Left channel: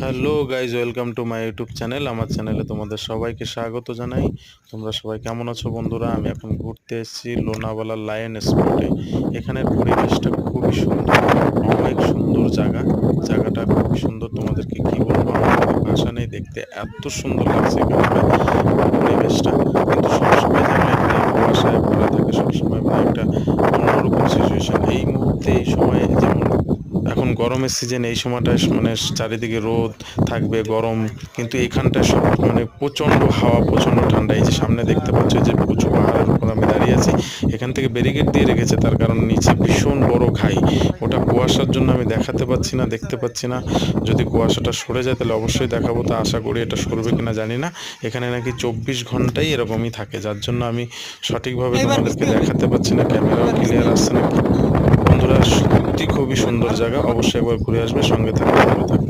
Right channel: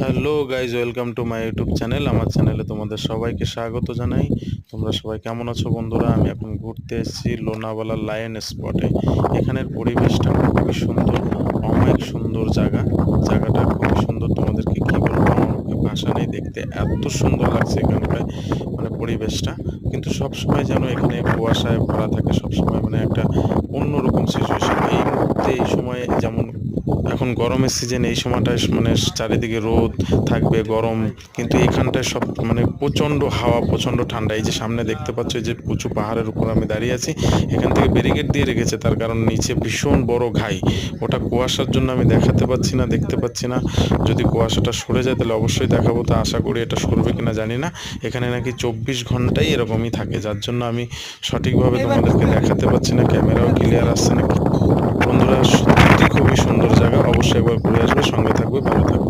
Hello guys, welcome to my YouTube channel. আমার চ্যানেলে তোমাদের সবাইকে স্বাগত জানাই। তোমরা সবাই কেমন আছো বন্ধুরা? আমি এখন ঘুরতে এসেছি লোনাওয়ালা লায়ন স্পটে। এখানের পরিবেশটা খুবই সুন্দর, অনেক সুন্দর জায়গাটা খুবই সুন্দর। তোমাদেরকে কি বলবো, আমার কোনো ভাষা নেই। দেখতে এত সুন্দর লাগছে এখানকার পরিবেশটা, কিন্তু সবসময় যেন এখানে কুয়াশায় ভরা থাকে। সবসময় মানে একটা অন্যরকম সিচুয়েশন। এই মুহূর্তে এই সময় যেমন এখন গরমের সিজন, এই সময়টায় মানে চারিদিকে রোদ থাকবে, গরম, কিন্তু এখানটায় সব মানে প্রচণ্ড হাওয়া, প্রচণ্ড ঠান্ডা। এই যে সামনে দেখতে পাচ্ছ, যে উঁচু পাহাড়ের উপর আমি দাঁড়িয়ে আছি, এখান থেকে ব্যারিকেড দিয়ে রেখেছে, তার কারণ নিচে ভীষণ বড় ঘাই। ওটা কুয়াশার জন্য আমি দেখাতে পাচ্ছি না, দেখতে পাচ্ছি না। যদি কুয়াশাটা সরে যায় তাহলে অবশ্যই দেখাবো, তা আশা করি। এটা সরবে কিনা জানি না। এখানে নাকি 24 ঘন্টাই এরকমই থাকে, যার জন্য আমি সঠিকভাবে তোমাদেরকে দেখাতে পাচ্ছি না, ক্যামেরাও ক্লিয়ার আসছে না। বন্ধুরা, সত্যি খুবই সুন্দর জায়গা, অবশ্যই একবার ঘুরে আসবে, সঙ্গে থাকবে, ভালো থাকবে।